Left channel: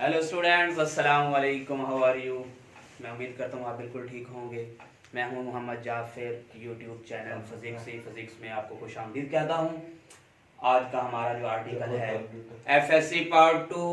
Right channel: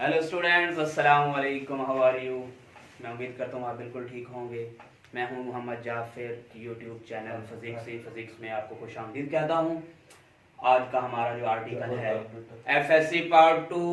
Hello students, अस्सलाम वालेकुम। How are you. मैं उम्मीद करता हूँ आप बिल्कुल ठीक होंगे। मैं हूँ Mohammad Jafir. YouTube channel physics में आपको खुशामदीद कहता हूँ। आज का हमारा जो आर्टिकल है FSc part 2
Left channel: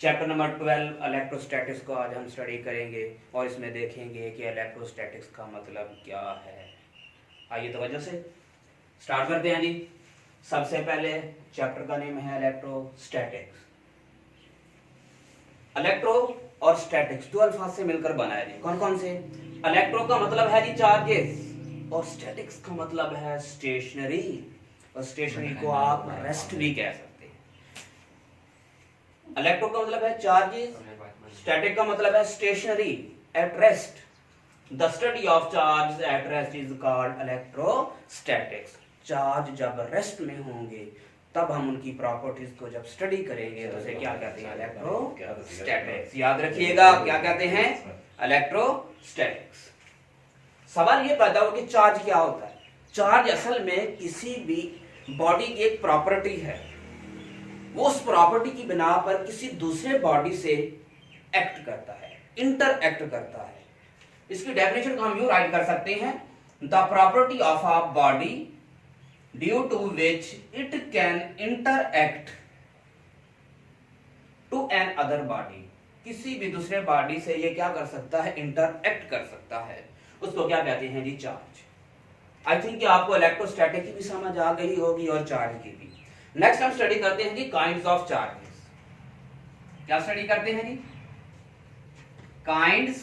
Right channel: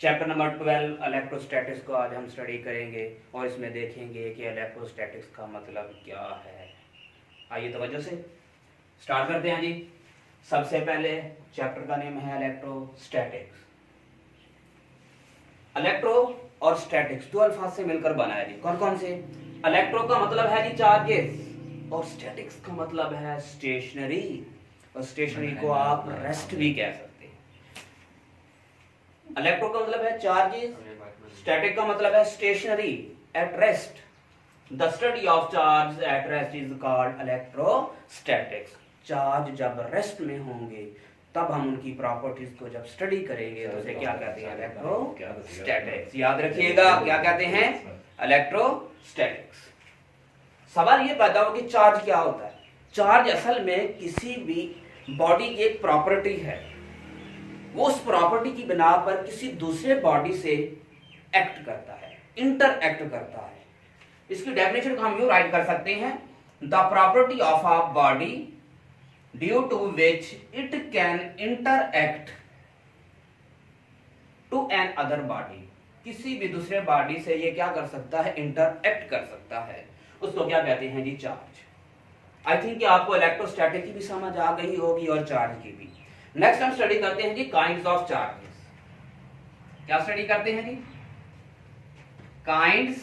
chapter number 12 electrostatics को आज हम स्टडी करेंगे और इसमें देखेंगे कि इलेक्ट्रोस्टैटिक्स का मतलब क्या है। आइए तवज्जो से स्टार्ट करते हैं जी। सबसे पहले चैप्टर का नेम है इलेक्ट्रोस्टैटिक्स। इलेक्ट्रो और स्टैटिक्स दो अल्फाज से मिलकर बना है जी। कौन कौन से? इलेक्ट्रो का मतलब है जी चार्जेस और स्टैटिक्स का मतलब है स्टेशनरी। और स्टेशनरी को आप रेस्ट भी कह सकते हैं। इलेक्ट्रो का मतलब है चार्जेस, स्टैटिक का मतलब है stationary at rest. The study of charge at rest is called electrostatics. Charge जब रेस्ट में होंगे तब हम उनकी प्रॉपर्टीज को जब स्टडी करेंगे तो उसे क्या कहते हैं? इलेक्ट्रोस्टैटिक्स। याद रखिएगा क्या कहते हैं? इलेक्ट्रोस्टैटिक्स। सवाल ये पैदा हो कि चार्ज क्या होता है। चार्ज असल में किसी भी बॉडी की एक प्रॉपर्टी है। वो उस प्रॉपर्टी की बिना पर किसी दूसरे बॉडी से एक्ट करता है, इंटरएक्ट करता है। इसकी डेफिनेशन को हम यूं राइट कर सकते हैं, the property of a body due to which it can interact to an other body। किसी भी दूसरे बॉडी से ये क्या कर सकता है? इंटरएक्ट कर सकता है। उसको क्या कहते हैं जी? चार्ज। आई थिंक कि आपको इलेक्ट्रोस्टैटिक की भी समझ आ गई होगी और चार्ज की भी। नेक्स्ट हम स्टडी करते हैं जी काइंड्स ऑफ चार्जेस। क्या स्टडी करते हैं जी? काइंड्स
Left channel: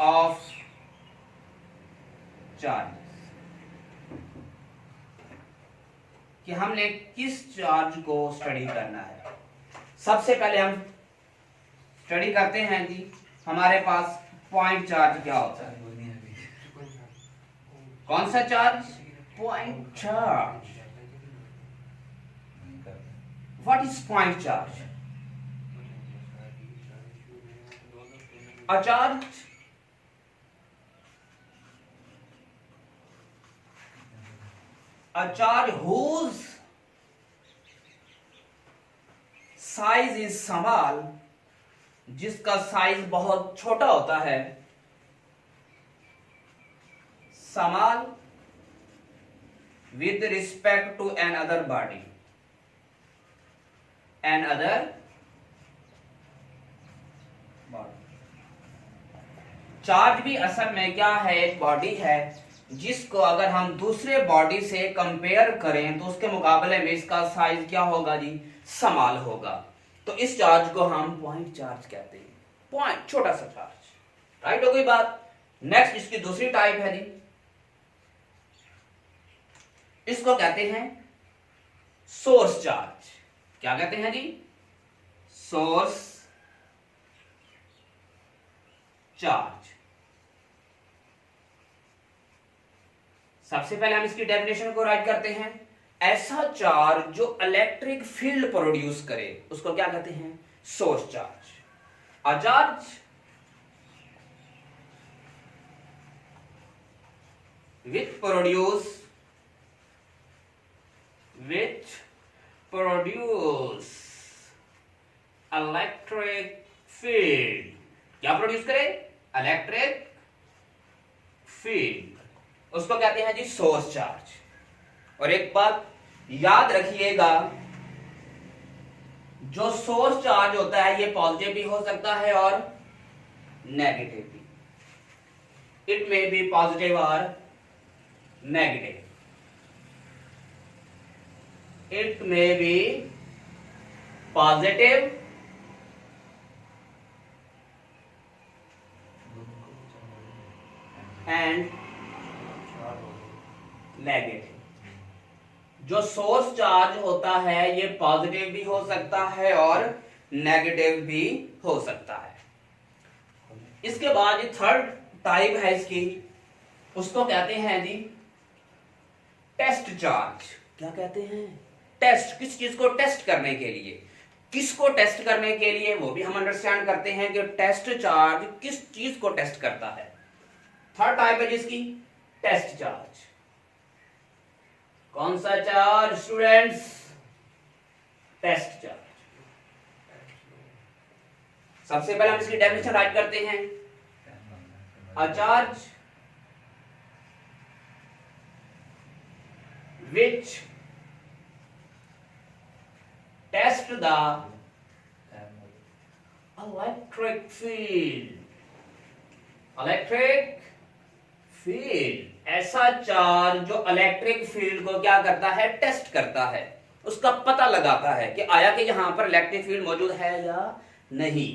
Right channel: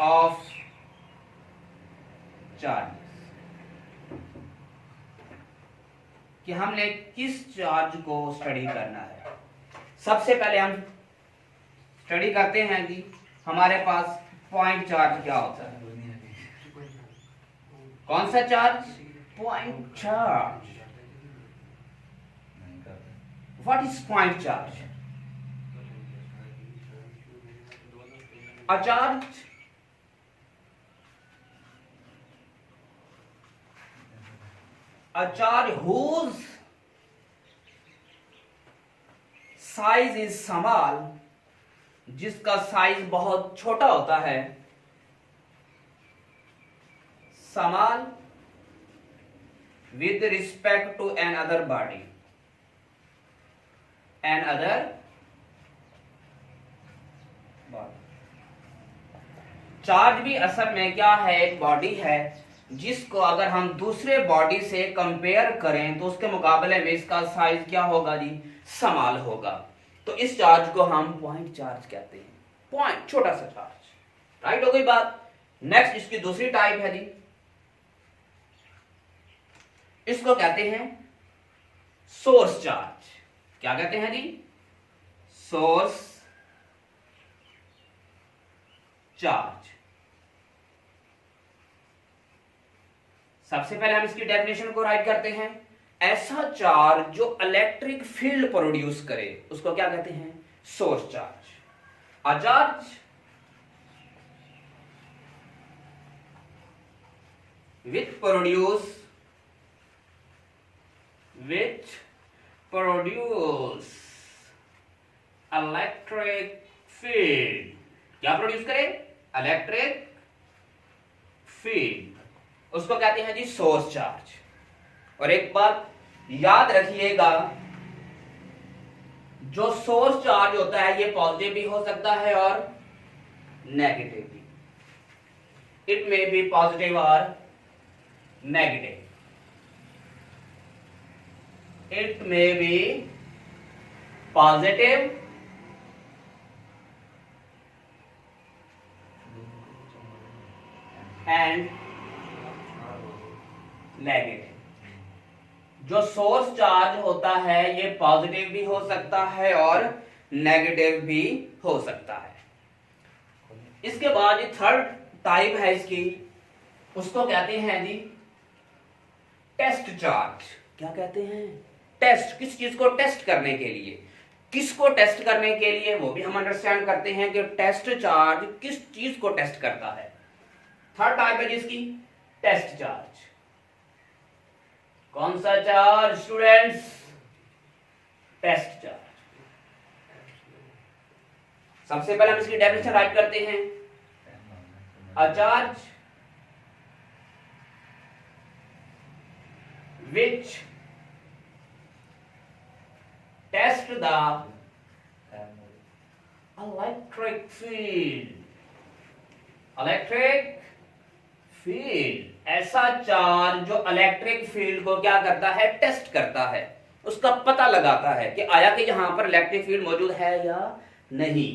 ऑफ चार्ज, कि हमने किस चार्ज को स्टडी करना है। सबसे पहले हम स्टडी करते हैं कि हमारे पास पॉइंट चार्ज क्या होता है। कौन सा charge? Point charge. What is point charge? A charge a charge whose size is small, जिसका साइज बहुत छोटा होता है, small with respect to another body, another body। Charge भी असल में क्या है? एक बॉडी है जिसको अगर हम दूसरे बॉडी से कंपेयर करें तो उसके मुकाबले में इसका साइज क्या होगा जी? स्मॉल होगा। तो इस चार्ज को हम पॉइंट चार्ज कहते हैं। पॉइंट, छोटा सा चार्ज। राइट हो गई बात। नेक्स्ट इसकी दूसरी टाइप है जी, इसको कहते हैं सोर्स चार्ज। क्या कहते हैं जी? Source charge. सबसे पहले हम इसकी डेफिनेशन को राइट करते हैं। ऐसा चार्ज जो इलेक्ट्रिक फील्ड प्रोड्यूस करे उसको क्या कहते हैं? Source charge. A charge which produce electric field. क्या प्रोड्यूस करे? इलेक्ट्रिक फील्ड, उसको कहते हैं जी सोर्स चार्ज। और एक बात याद रखिएगा, जो सोर्स चार्ज होता है ये पॉजिटिव भी हो सकता है और नेगेटिव भी। इट मे बी पॉजिटिव और negative. It may be positive and negative. जो सोर्स चार्ज होता है ये पॉजिटिव भी हो सकता है और नेगेटिव भी हो सकता है। इसके बाद थर्ड टाइप है इसकी, उसको कहते हैं जी टेस्ट चार्ज। क्या कहते हैं? टेस्ट। किस चीज को टेस्ट करने के लिए? किसको टेस्ट करने के लिए वो भी हम अंडरस्टैंड करते हैं कि टेस्ट चार्ज किस चीज को टेस्ट करता है। थर्ड टाइप है जिसकी टेस्ट चार्ज। कौन सा चार्ज स्टूडेंट्स? Test charge. सबसे पहले हम इसकी डेफिनेशन राइट करते हैं। A charge which test the electric field, electric field, ऐसा चार्ज जो इलेक्ट्रिक फील्ड को क्या करता है, टेस्ट करता है, उसका पता लगाता है कि आया कि यहां पर इलेक्ट्रिक फील्ड मौजूद है या नहीं।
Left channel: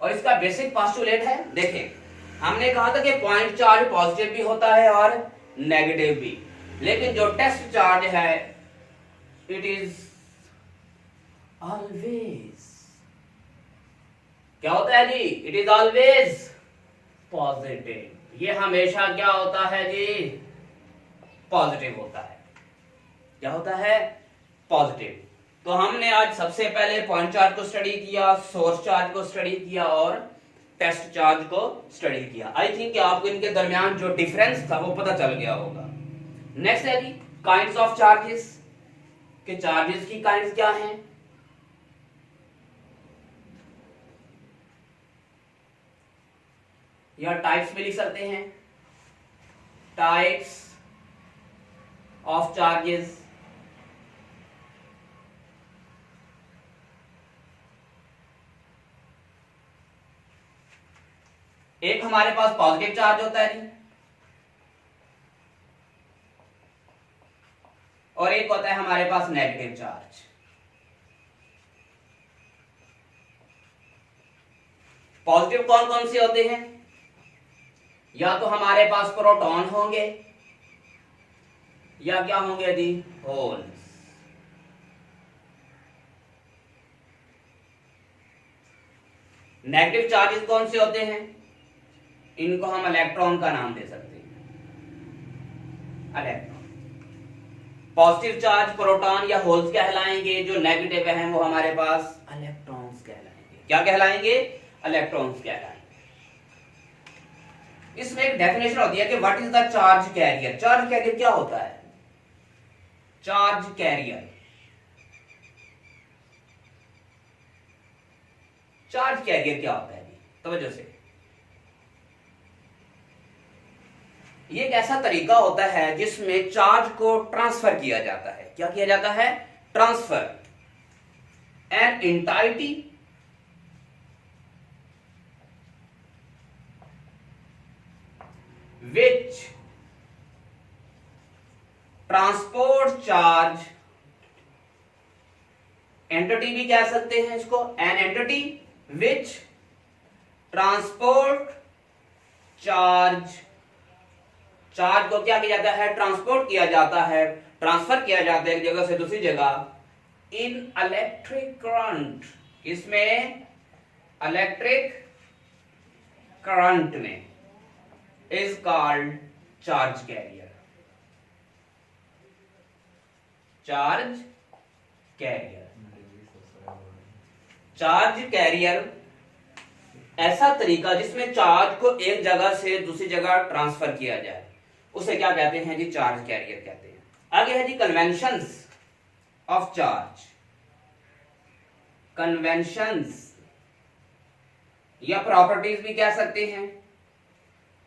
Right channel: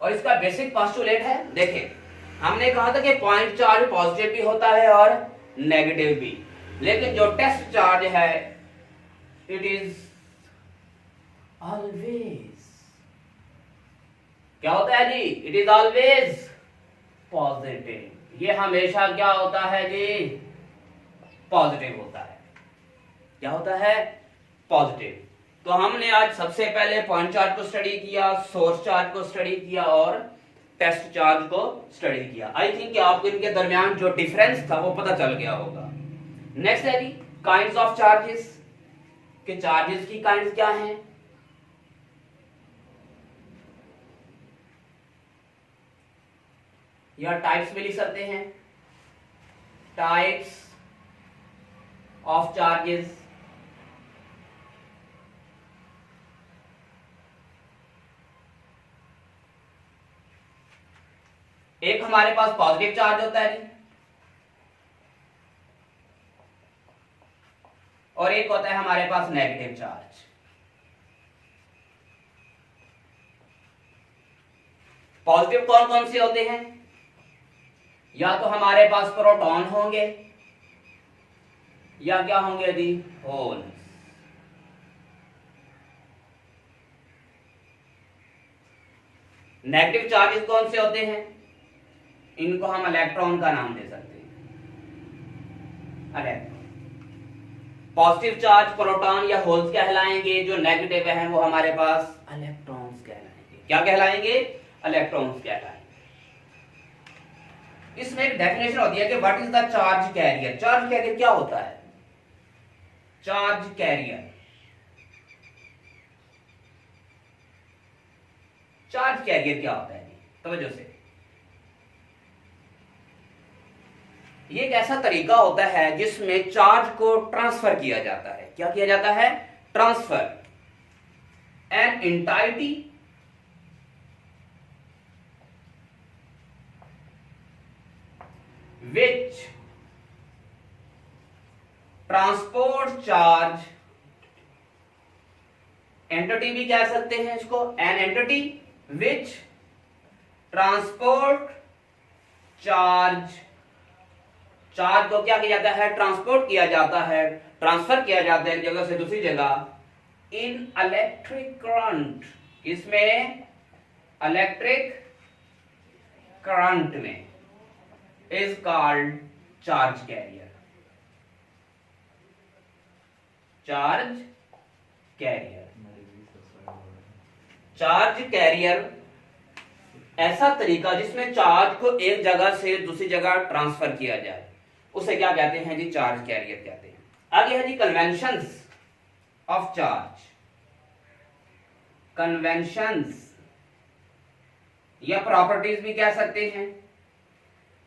और इसका बेसिक पोस्टुलेट है, देखें हमने कहा था कि पॉइंट चार्ज पॉजिटिव भी होता है और नेगेटिव भी, लेकिन जो टेस्ट चार्ज है इट इज ऑलवेज, क्या होता है जी, इट इज ऑलवेज पॉजिटिव। ये हमेशा क्या होता है जी, पॉजिटिव होता है। क्या होता है, पॉजिटिव। तो हमने आज सबसे पहले पॉइंट चार्ज को स्टडी किया, सोर्स चार्ज को स्टडी किया और टेस्ट चार्ज को स्टडी किया। आई थिंक आपको इनके दरमियान जो डिफरेंस था वो पता चल गया होगा। नेक्स्ट है जी काइंड्स ऑफ चार्जेस, कि चार्जेस की काइंड्स क्या हैं। या टाइप्स में लिख सकते हैं, टाइप्स ऑफ चार्जेस। एक हमारे पास पॉजिटिव चार्ज होता है और एक होता है हमारे पास नेगेटिव चार्ज। पॉजिटिव कौन कौन से होते हैं, या तो हमारे पास प्रोटॉन होंगे या क्या होंगे दी, होल्स। नेगेटिव चार्जेस कौन से होते हैं, इनको हम इलेक्ट्रॉन का नाम दे सकते हैं, इलेक्ट्रॉन। पॉजिटिव चार्ज प्रोटॉन या होल्स कहलाएंगे, जो नेगेटिव हैं वो हमारे पास इलेक्ट्रॉन्स कहलाएंगे। क्या कहलाएंगे, इलेक्ट्रॉन्स कहलाएंगे। इसमें एक डेफिनेशन होती है कि what is the charge carrier. Charge carrier क्या होता है, चार्ज कैरियर, चार्ज कैरियर क्या होता है जी, तवज्जो से। ये एक ऐसा तरीका होता है जिसमें चार्ज को ट्रांसफर किया जाता है। क्या किया जाता है, transfer. An entity which transport charge, entity भी कह सकते हैं इसको, an entity which transport charge, charge को क्या किया जाता है, ट्रांसपोर्ट किया जाता है, ट्रांसफर किया जाता है एक जगह से दूसरी जगह। इन इलेक्ट्रिक करंट, इसमें इलेक्ट्रिक करंट में is called charge carrier, charge carrier। Charge carrier ऐसा तरीका जिसमें चार्ज को एक जगह से दूसरी जगह ट्रांसफर किया जाए, उसे क्या कहते हैं जी, चार्ज कैरियर कहते हैं। आगे है जी कन्वेंशंस ऑफ चार्ज। कन्वेंशंस या प्रॉपर्टीज भी कह सकते हैं,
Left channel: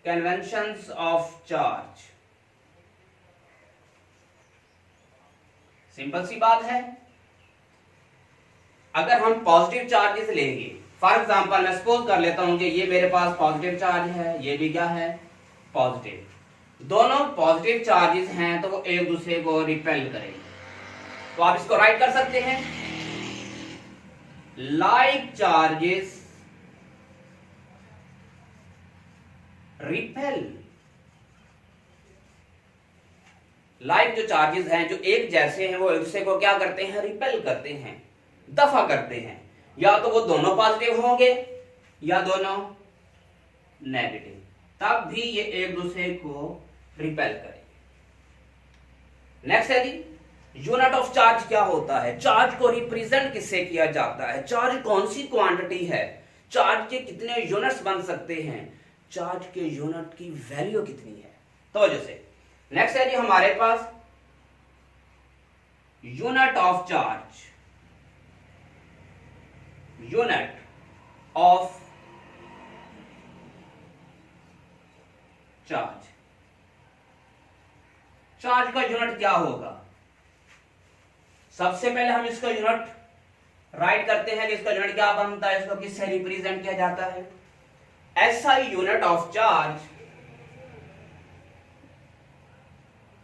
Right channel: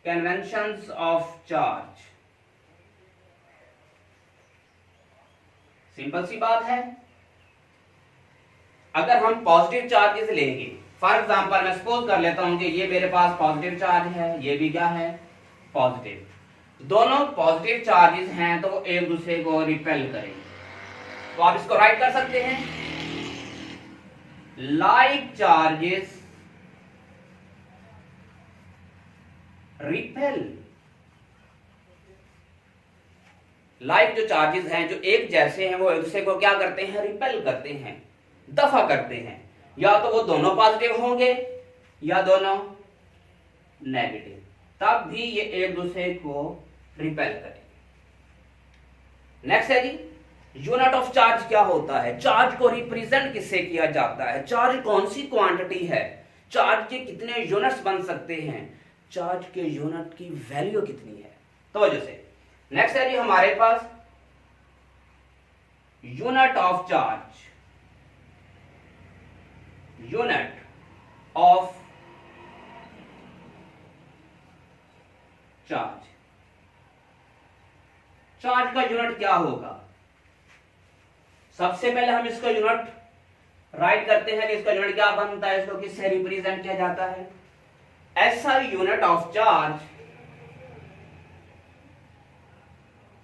कन्वेंशंस ऑफ चार्ज। सिंपल सी बात है, अगर हम पॉजिटिव चार्जेस लेंगे, फॉर एग्जांपल मैं सपोज कर लेता हूं कि ये मेरे पास पॉजिटिव चार्ज है, ये भी क्या है, पॉजिटिव। दोनों पॉजिटिव चार्जेस हैं तो वो एक दूसरे को रिपेल करेंगे। तो आप इसको राइट कर सकते हैं, लाइक चार्जेस रिपेल। लाइक जो चार्जेस हैं जो एक जैसे हैं वो एक दूसरे को क्या करते हैं, रिपेल करते हैं, दफा करते हैं। या तो वो दोनों पॉजिटिव होंगे या दोनों नेगेटिव, तब भी ये एक दूसरे को रिपेल करेंगे। नेक्स्ट है जी यूनिट ऑफ चार्ज क्या होता है, चार्ज को रिप्रेजेंट किससे किया जाता है, चार्ज कौन सी क्वांटिटी है, चार्ज के कितने यूनिट्स बन सकते हैं, चार्ज के यूनिट की वैल्यू कितनी है। तो वजह से नेक्स्ट है जी हमारे पास unit of charge, unit of charge. Charge का यूनिट क्या होगा? सबसे पहले हम इसका यूनिट राइट करते हैं कि इसका यूनिट क्या बनता है, इसको किससे रिप्रेजेंट किया जाता है? SI unit of charge,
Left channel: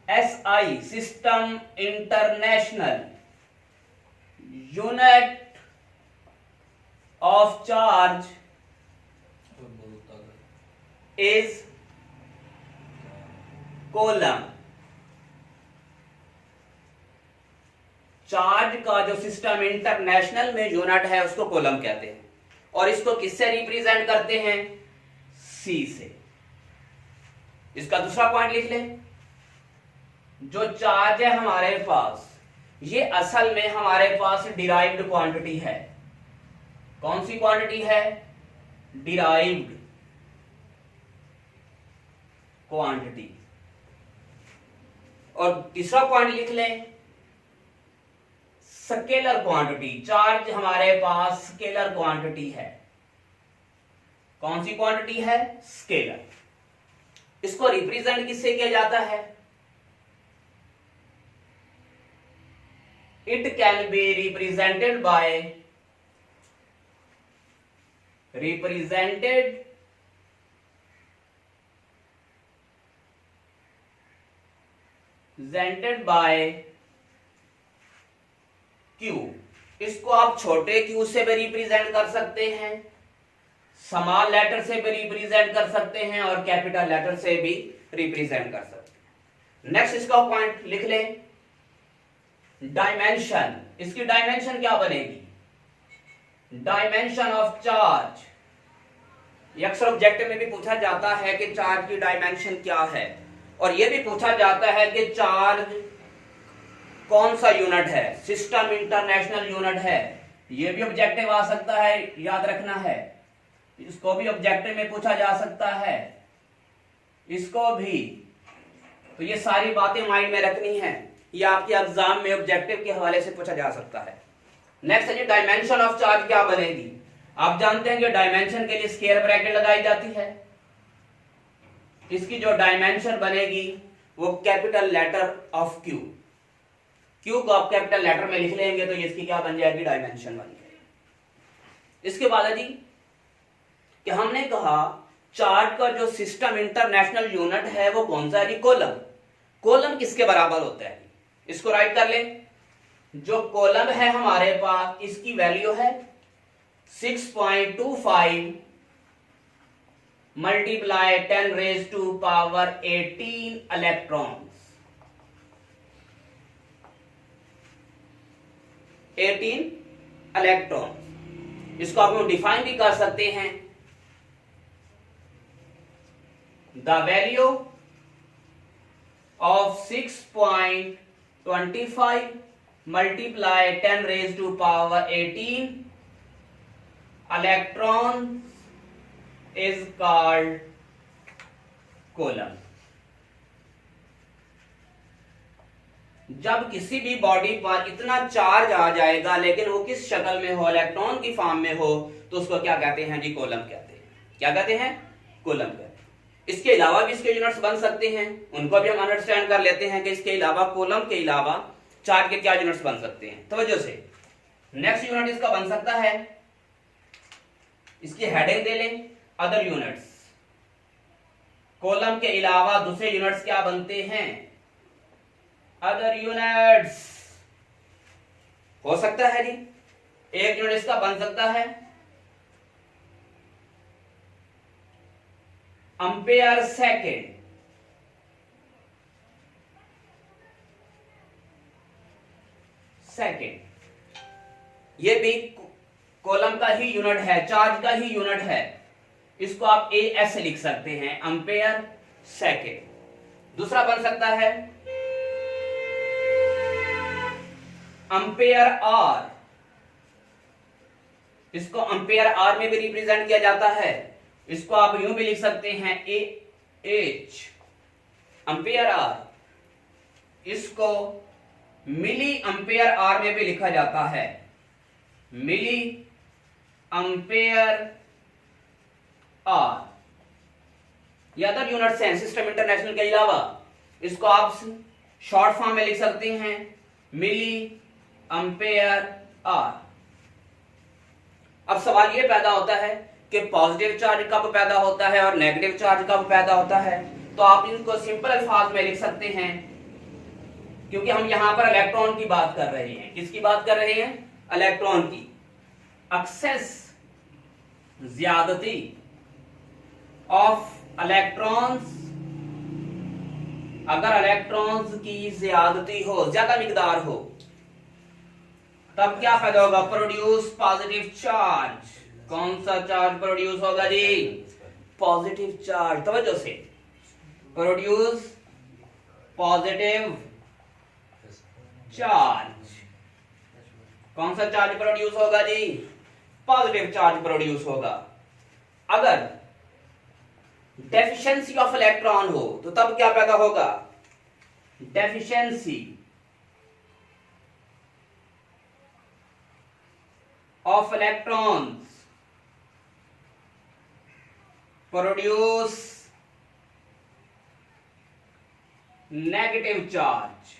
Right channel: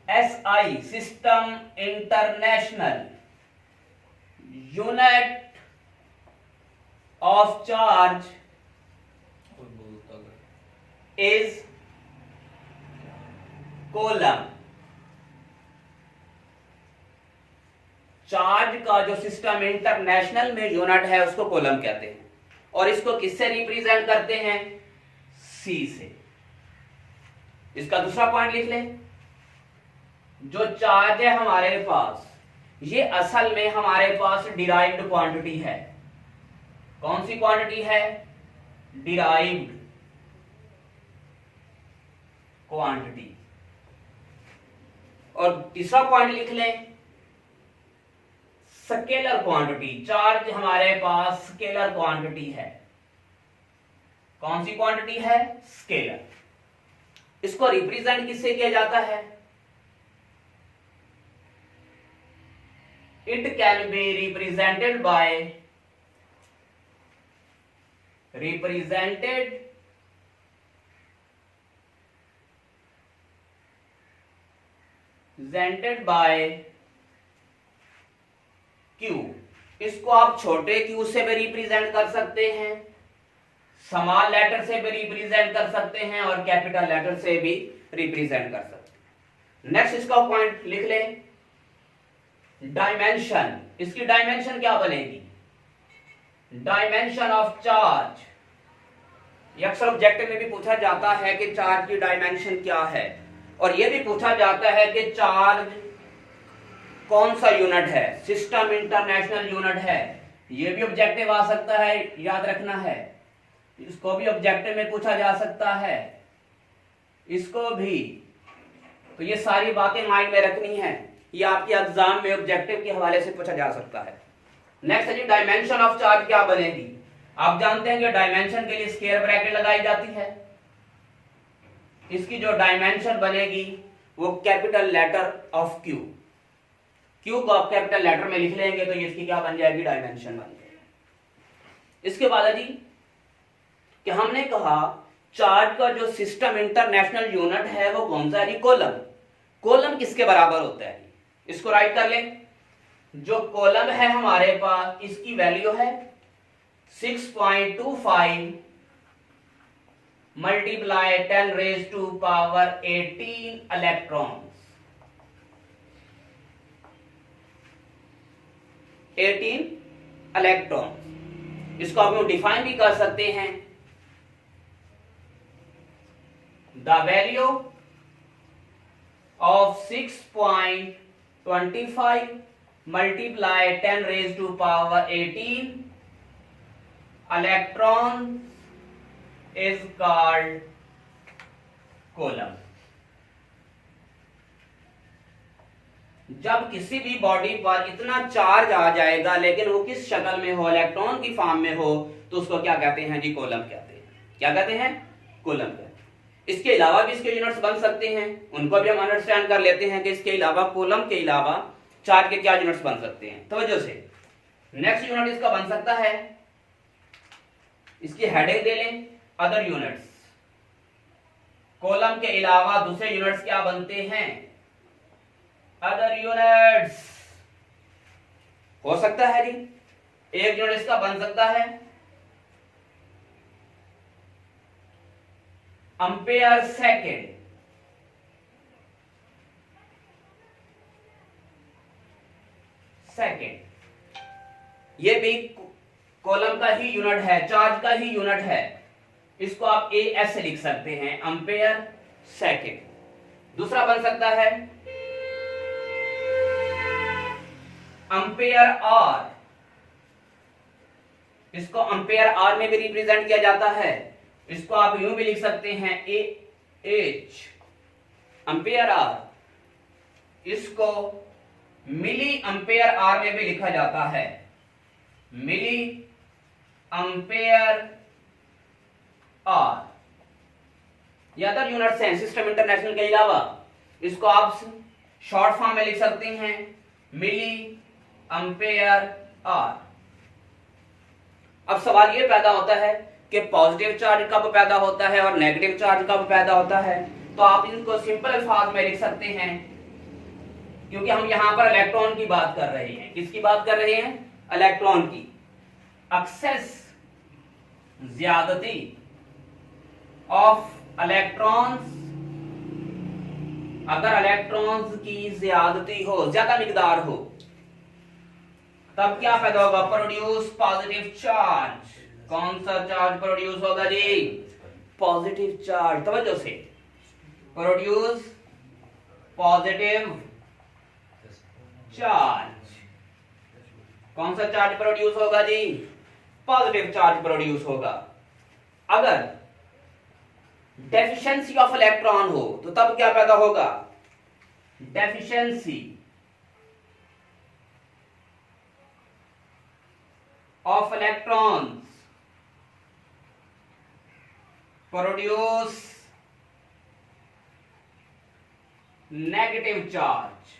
SI system international unit of charge is coulomb. Charge का जो सिस्टम इंटरनेशनल में यूनिट है उसको कोलम कहते हैं, और इसको किससे रिप्रेजेंट करते हैं? सी से। इसका दूसरा पॉइंट लिख लें, जो चार्ज है हमारे पास, ये असल में हमारे पास डिराइव्ड क्वांटिटी है। कौन सी क्वांटिटी है? Derived quantity. और तीसरा पॉइंट लिख लें, स्केलर क्वांटिटी। चार्ज हमारे पास स्केलर क्वांटिटी है। कौन सी क्वांटिटी है? स्केलर। इसको रिप्रेजेंट किससे किया जाता है? It can be represented by represented by Q। इसको आप छोटे क्यू से भी रिप्रेजेंट कर सकते हैं, स्मॉल लेटर से भी रिप्रेजेंट कर सकते हैं, और कैपिटल लेटर से भी रिप्रेजेंट कर सकते हैं। नेक्स्ट इसका पॉइंट लिख ले, डायमेंशन। इसकी डायमेंशन क्या बनेगी? Dimension of charge. अक्सर ऑब्जेक्टिव में भी पूछा जाता है कि चार्ज की डायमेंशन क्या है, और यह भी पूछा जाता है कि चार्ज कौन सा यूनिट है, सिस्टम इंटरनेशनल यूनिट है। यह भी ऑब्जेक्टिव आ सकता है, याद रखना है। इसको भी ऑब्जेक्टिव में पूछा जा सकता है, इसको भी। तो ये सारी बातें माइंड में रखनी है, ये आपके एग्जाम में ऑब्जेक्टिव के हवाले से पूछा जा सकता है। नेक्स्ट है जी, डायमेंशन ऑफ चार्ज क्या बनेगी? आप जानते हैं कि डायमेंशन के लिए स्क्वायर ब्रैकेट लगाई जाती है। इसकी जो डायमेंशन बनेगी वो capital letter of Q. Q को आप कैपिटल लेटर में लिख लेंगे तो इसकी क्या बन जाएगी? डायमेंशन बन जाएगी। इसके बाद है जी कि हमने कहा चार्ज का जो सिस्टम इंटरनेशनल यूनिट है वो कौन सा है जी? कोलम। कोलम किसके बराबर होता है? इसको राइट कर लें। जो कोलम है हमारे पास, इसकी वैल्यू है 6.25 multiply 10 raise to power 18 electron. 18 electron. इसको हम डिफाइन भी कर सकते हैं, the value of 6.25 multiply 10 raise to power 18 electron is called coulomb. जब किसी भी बॉडी पर इतना चार्ज आ जाएगा लेकिन वो किस शक्ल में हो, इलेक्ट्रॉन की फॉर्म में हो, तो उसको क्या कहते हैं जी? कोलम कहते हैं। क्या कहते हैं? कोलम कहते हैं। इसके अलावा भी इसके यूनिट्स बन सकते हैं, उनको भी हम अंडरस्टैंड कर लेते हैं कि इसके अलावा कोलम के अलावा चार्ज के क्या यूनिट्स बन सकते हैं। तवज्जो से, नेक्स्ट यूनिट इसका बन सकता है, इसकी हेडिंग दे लें, अदर यूनिट्स। कोलम के अलावा दूसरे यूनिट्स क्या बनते हैं? Other units. हो सकता है जी, एक यूनिट इसका बन सकता है एम्पेयर सेकेंड। ये भी कॉलम का ही यूनिट है, चार्ज का ही यूनिट है। इसको आप AS से लिख सकते हैं, एम्पेयर सेकेंड। दूसरा बन सकता है एम्पेयर आर। इसको एम्पेयर आर में भी रिप्रेजेंट किया जाता है। इसको आप यूं भी लिख सकते हैं AH, एम्पेयर आर। इसको मिली अम्पेयर आर में भी लिखा जाता है, मिली अम्पेयर आर। या अदर यूनिट्स हैं सिस्टम इंटरनेशनल के अलावा, इसको आप शॉर्ट फॉर्म में लिख सकते हैं मिली अम्पेयर आर। अब सवाल ये पैदा होता है कि पॉजिटिव चार्ज कब पैदा होता है और नेगेटिव चार्ज कब पैदा होता है। तो आप इनको सिंपल अल्फाज में लिख सकते हैं, क्योंकि हम यहां पर इलेक्ट्रॉन की बात कर रहे हैं। किसकी बात कर रहे हैं? इलेक्ट्रॉन की। एक्सेस, ज्यादती ऑफ इलेक्ट्रॉन्स, अगर इलेक्ट्रॉन्स की ज्यादती हो, ज्यादा मिकदार हो, तब क्या पैदा होगा? Produce positive charge. कौन सा चार्ज प्रोड्यूस होगा जी? Positive charge. तवज्जो से, प्रोड्यूस पॉजिटिव चार्ज। कौन सा चार्ज प्रोड्यूस होगा जी? पॉजिटिव चार्ज प्रोड्यूस होगा। अगर डेफिशिएंसी ऑफ इलेक्ट्रॉन हो तो तब क्या पैदा होगा? Deficiency of electrons produce negative charge.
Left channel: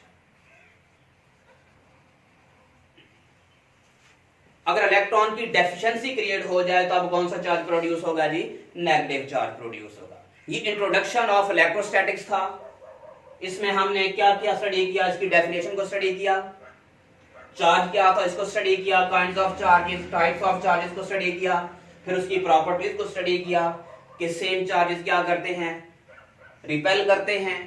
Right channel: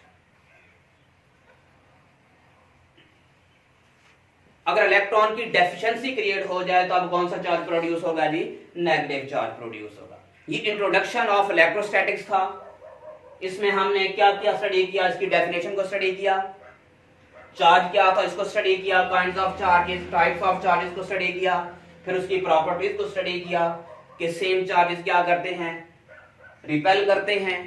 अगर इलेक्ट्रॉन की डेफिशिएंसी क्रिएट हो जाए तो अब कौन सा चार्ज प्रोड्यूस होगा जी? नेगेटिव चार्ज प्रोड्यूस होगा। ये इंट्रोडक्शन ऑफ इलेक्ट्रोस्टैटिक्स था। इसमें हमने क्या क्या स्टडी किया? इसकी डेफिनेशन को स्टडी किया, चार्ज क्या था इसको स्टडी किया, kinds of charges, types of charges को स्टडी किया, फिर उसकी प्रॉपर्टीज को स्टडी किया कि सेम चार्जेस क्या करते हैं? रिपेल करते हैं,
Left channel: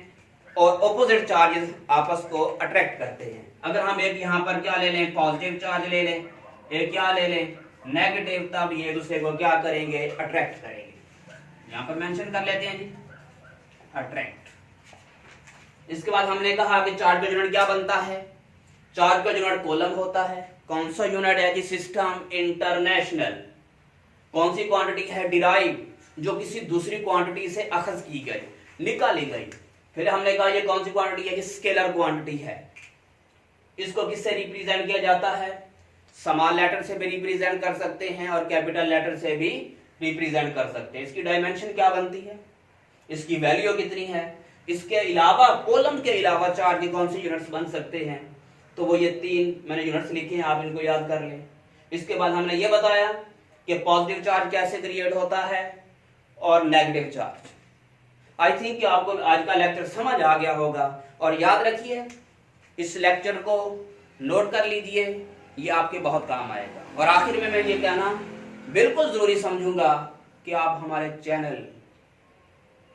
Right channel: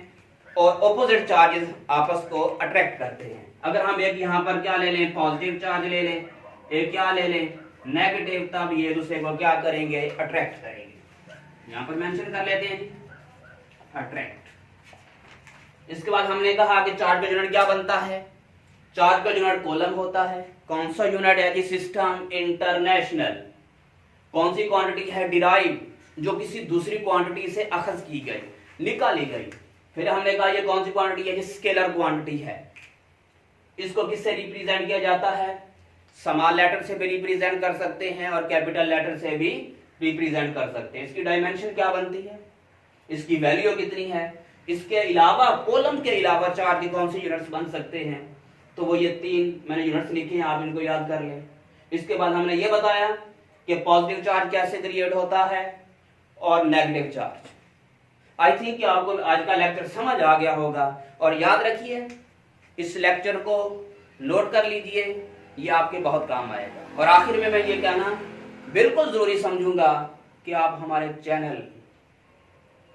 और ऑपोजिट चार्जेस आपस को अट्रैक्ट करते हैं। अगर हम एक यहां पर क्या ले लें? पॉजिटिव चार्ज ले लें, एक क्या ले लें? नेगेटिव, तब ये दूसरे को क्या करेंगे? अट्रैक्ट करेंगे। यहां पर मेंशन कर लेते हैं जी, अट्रैक्ट। इसके बाद हमने कहा कि चार्ज का यूनिट क्या बनता है? चार्ज का यूनिट कूलम होता है। कौन सा यूनिट है जी? System international. कौन सी क्वांटिटी है? डिराइव, जो किसी दूसरी क्वांटिटी से अखज की गई, निकाली गई। फिर हमने कहा ये कौन सी क्वांटिटी है? स्केलर क्वांटिटी है। इसको किससे रिप्रेजेंट किया जाता है? स्मॉल लेटर से भी रिप्रेजेंट कर सकते हैं और कैपिटल लेटर से भी रिप्रेजेंट कर सकते हैं। इसकी डायमेंशन क्या बनती है? इसकी वैल्यू कितनी है? इसके अलावा कॉलम के अलावा चार्ज के कौन से यूनिट्स बन सकते हैं? तो वो ये 3 मैंने यूनिट्स लिखे हैं, आप इनको याद कर लें। इसके बाद हमने ये बताया कि पॉजिटिव चार्ज कैसे क्रिएट होता है और नेगेटिव चार्ज। आई थिंक कि आपको आज का लेक्चर समझ आ गया होगा, और याद रखिए इस लेक्चर को नोट कर लीजिए, ये आपके बहुत काम आएगा। और आखिर में मैं ये कहना बिल्कुल जरूरी समझूंगा कि आप हमारे चैनल,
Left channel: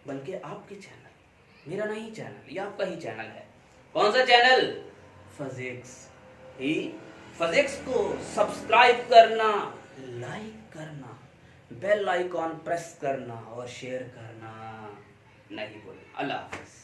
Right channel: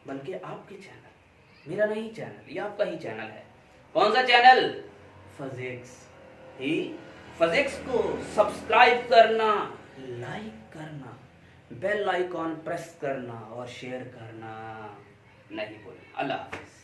बल्कि आपके चैनल, मेरा नहीं चैनल, ये आपका ही चैनल है। कौन सा चैनल? फिजिक्स ही। फिजिक्स को सब्सक्राइब करना, लाइक करना, बेल आइकॉन प्रेस करना और शेयर करना नहीं भूलना। अल्लाह हाफिज।